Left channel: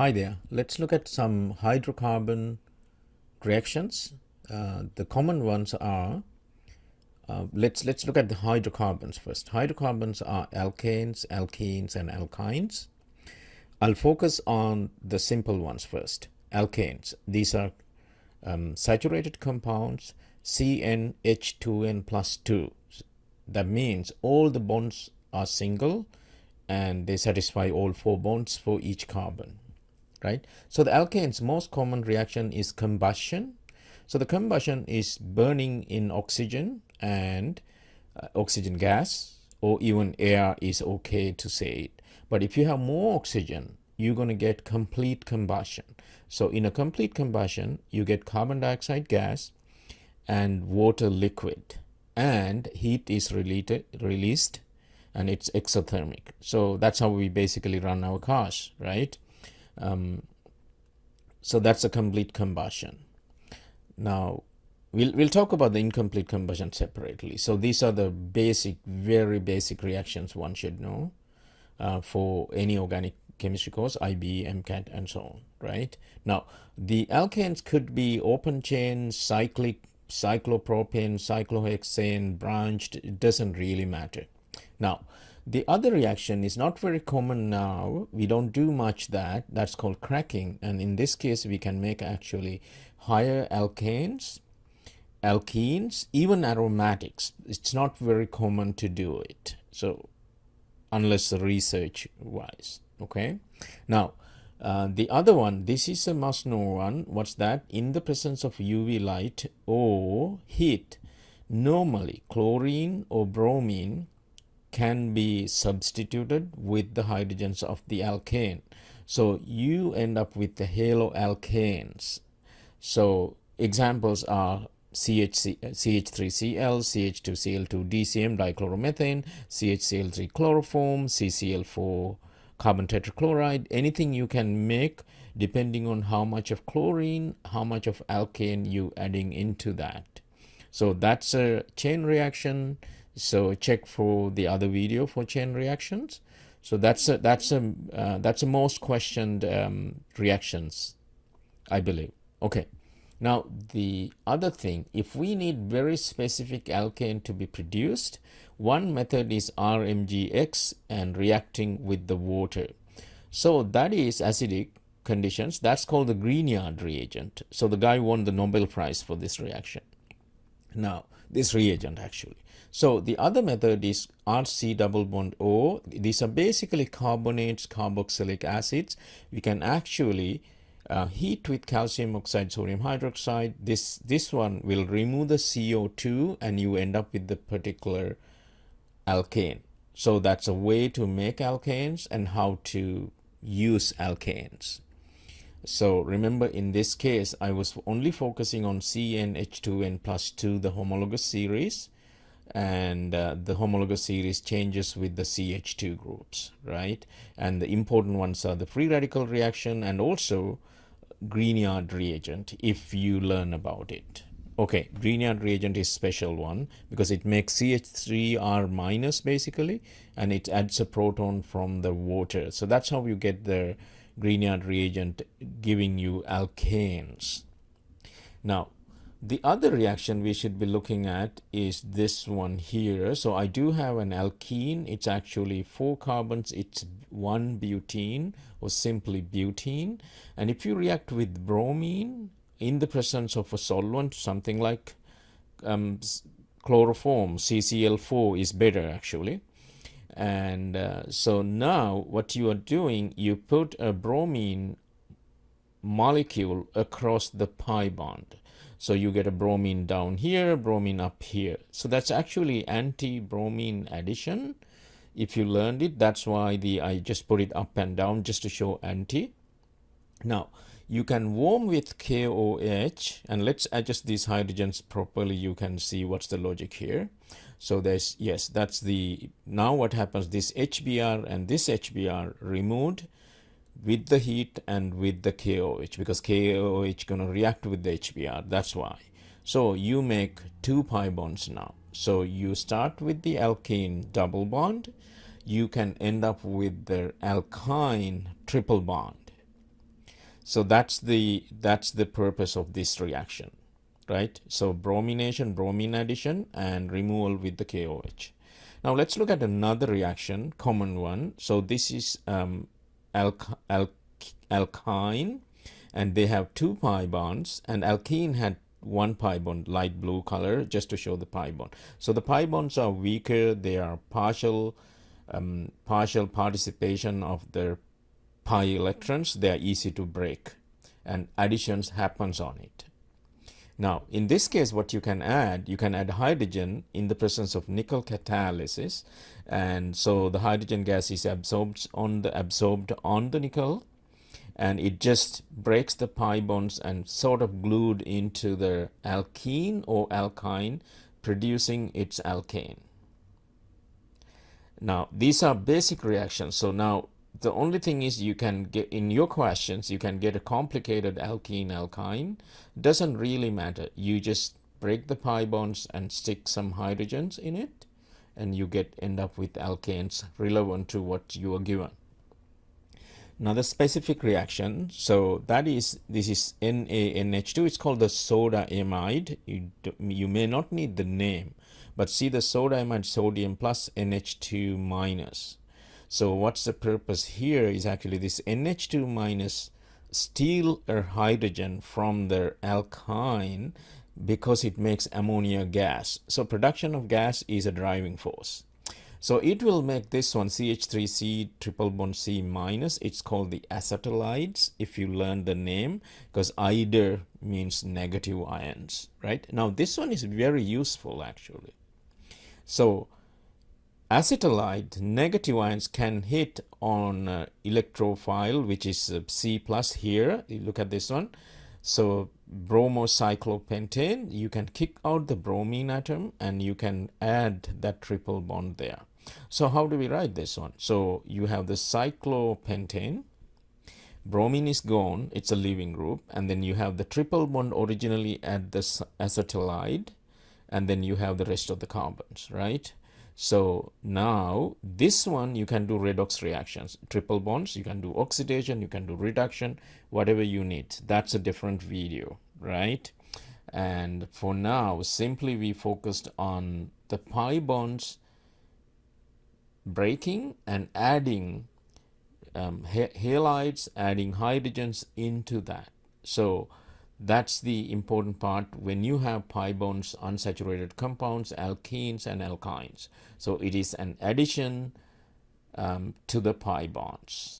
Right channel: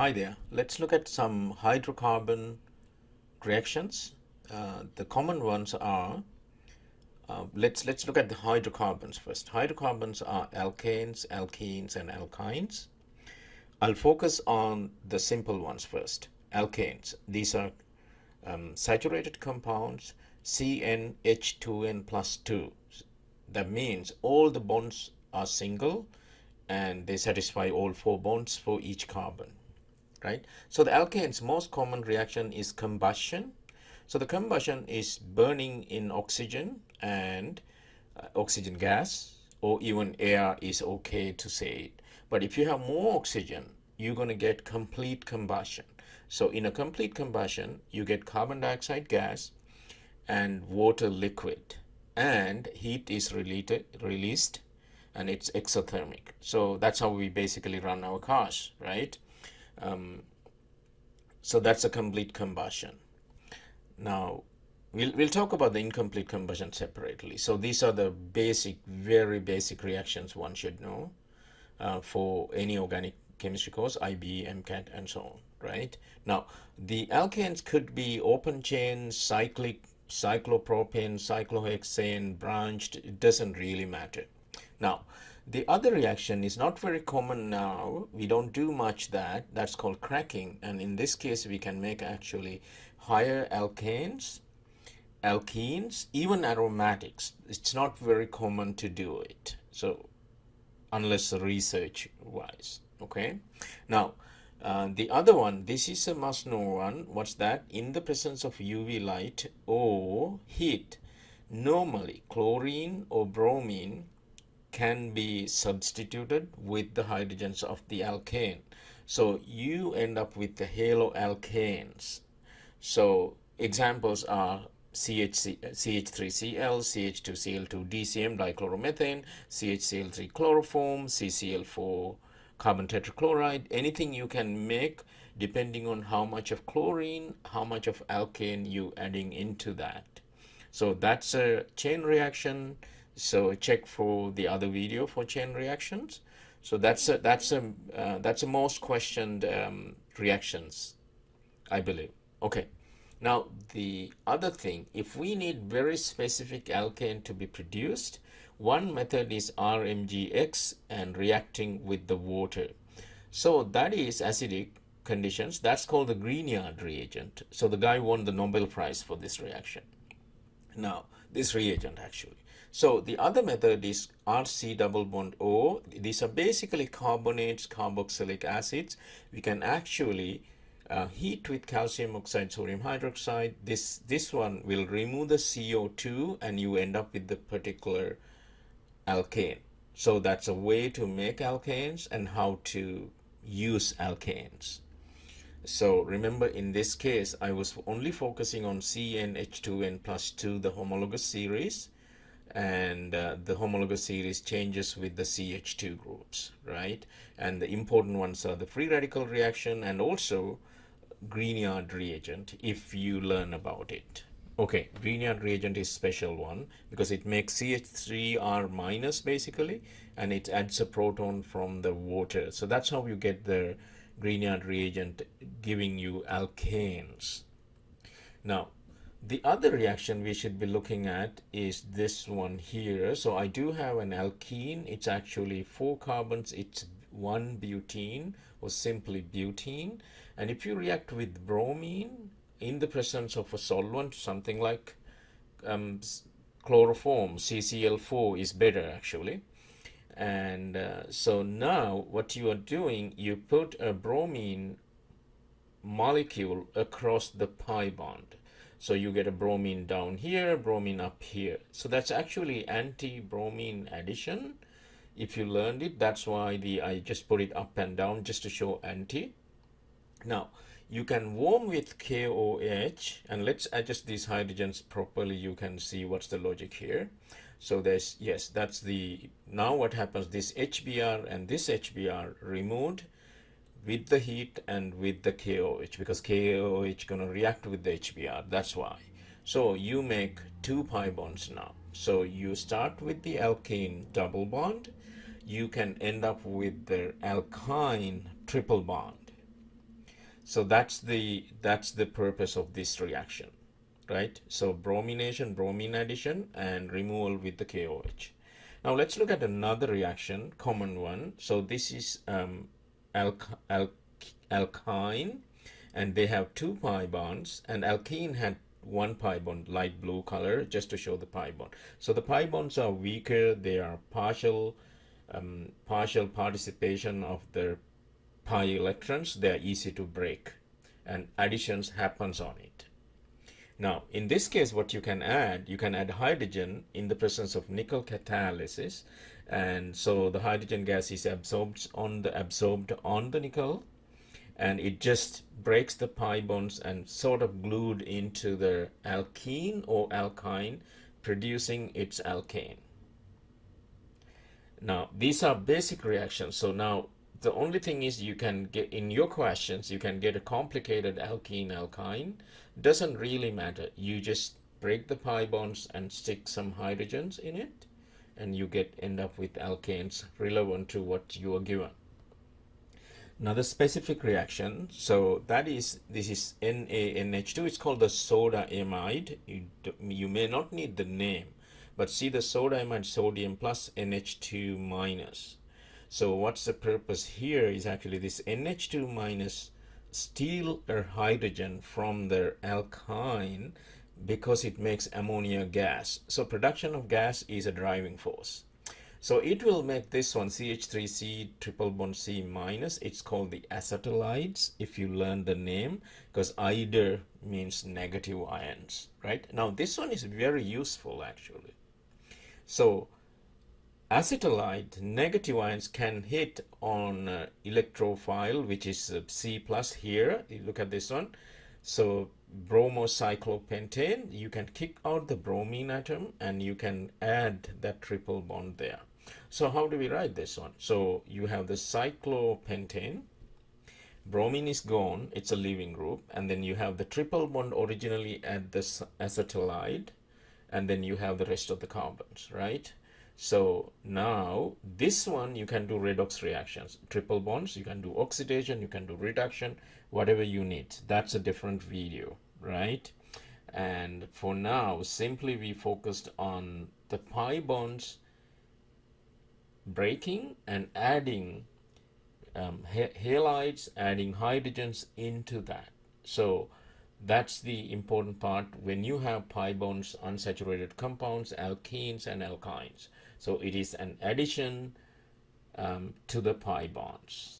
Hi there. Let's look at some hydrocarbon reactions. The common ones are, let's look at the hydrocarbons first. Hydrocarbons are alkanes, alkenes, and alkynes. I'll focus on the simple ones first. Alkanes. These are saturated compounds, CnH2n plus 2. That means all the bonds are single and they satisfy all four bonds for each carbon. Right? So the alkane's most common reaction is combustion. So the combustion is burning in oxygen and oxygen gas, or even air is okay to say it. But if you have more oxygen, you're going to get complete combustion. So in a complete combustion, you get carbon dioxide gas and water liquid, and heat is released and it's exothermic. So that's how we basically run our cars, right? So that's a complete combustion. Now, we'll talk about the incomplete combustion separately. So these are the basic, very basic reactions one should know for any organic chemistry course, IB, MCAT, and so on, right? Now, the alkanes could be open chain, cyclic, cyclopropane, cyclohexane, branched. It doesn't really matter. Now, the other reaction is not very common now. We don't do much that. That's called cracking. And in this case, we can make actually higher alkanes, alkenes, even aromatics. It's not very common to do it. So unless research wise, okay? Now, the other one, this is a must know one. What's that? In the presence of UV light or heat, normally chlorine or bromine can be substituted with the hydrogens of the alkane. So you end up with the haloalkanes. So examples are CH3Cl, CH2Cl2, DCM, dichloromethane, CHCl3 chloroform, CCl4 carbon tetrachloride. Anything you can make depending on how much of chlorine, how much of alkane you adding into that. So that's a chain reaction. So check for the other video for chain reactions. So that's a most questioned reactions, I believe. Okay. Now the other thing, if we need very specific alkane to be produced, one method is RMGX and reacting with the water. So that is acidic conditions. That's called the Grignard reagent. So the guy won the Nobel Prize for this reaction. Now, this reagent actually. So the other method is RC double bond O. These are basically carbonates, carboxylic acids. We can actually heat with calcium oxide, sodium hydroxide. This one will remove the CO2 and you end up with the particular alkane. So that's a way to make alkanes and how to use alkanes. So remember, in this case, I was only focusing on CnH2n plus 2, the homologous series, and the homologous series changes with the CH2 groups, right? And the important ones are the free radical reaction and also Grignard reagent, if you learn about it. Okay, Grignard reagent is special one because it makes CH3R minus basically, and it adds a proton from the water. So that's how you get the Grignard reagent giving you alkanes. Now, the other reaction we should be looking at is this one here. So I do have an alkene. It's actually 4 carbons. It's 1 butene or simply butene. And if you react with bromine in the presence of a solvent, something like chloroform, CCl4 is better actually. And so now what you are doing, you put a bromine molecule across the pi bond. So you get a bromine down here, bromine up here. So that's actually anti-bromine addition. If you learned it, that's why I just put it up and down just to show anti. Now, you can warm with KOH, and let's adjust these hydrogens properly. You can see what's the logic here. So there's, yes, that's the, now what happens, this HBr and this HBr removed with the heat and with the KOH, because KOH gonna react with the HBr, that's why. So you make 2 pi bonds now. So you start with the alkane double bond, you can end up with the alkyne triple bond. So that's the purpose of this reaction, right? So bromination, bromine addition, and removal with the KOH. Now let's look at another reaction, common one. So this is alkyne, and they have 2 pi bonds, and alkene had 1 pi bond, light blue color, just to show the pi bond. So the pi bonds are weaker. They are partial participation of their pi electrons. They are easy to break, and additions happens on it. Now, in this case, what you can add hydrogen in the presence of nickel catalysis, and so the hydrogen gas is absorbed on the nickel, and it just breaks the pi bonds and sort of glued into the alkene or alkyne, producing its alkane. Now, these are basic reactions. So now the only thing is, you can get in your questions, you can get a complicated alkene alkyne. Doesn't really matter. You just break the pi bonds and stick some hydrogens in it, and you end up with alkanes relevant to what you are given. Now the specific reaction, so this is NaNH2. It's called the soda amide. You may not need the name, but see the soda amide, sodium plus NH2 minus. So what's the purpose here is actually this NH2 minus steal a hydrogen from their alkyne because it makes ammonia gas. So production of gas is a driving force. So it will make this one CH3C triple bond C minus. It's called the acetylides, if you learn the name, because ide means negative ions, right? Now this one is very useful actually. So acetylide negative ions can hit on electrophile, which is C plus here. You look at this one. So bromocyclopentane, you can kick out the bromine atom and you can add that triple bond there. So how do we write this one? So you have the cyclopentane, bromine is gone, it's a leaving group, and then you have the triple bond originally at the acetylide, and then you have the rest of the carbons, right? So now this one you can do redox reactions, triple bonds, you can do oxidation, you can do reduction, whatever you need. That's a different video, right? And for now, simply we focused on the pi bonds breaking and adding halides, adding hydrogens into that. So that's the important part when you have pi bonds, unsaturated compounds, alkenes and alkynes. So it is an addition to the pi bonds.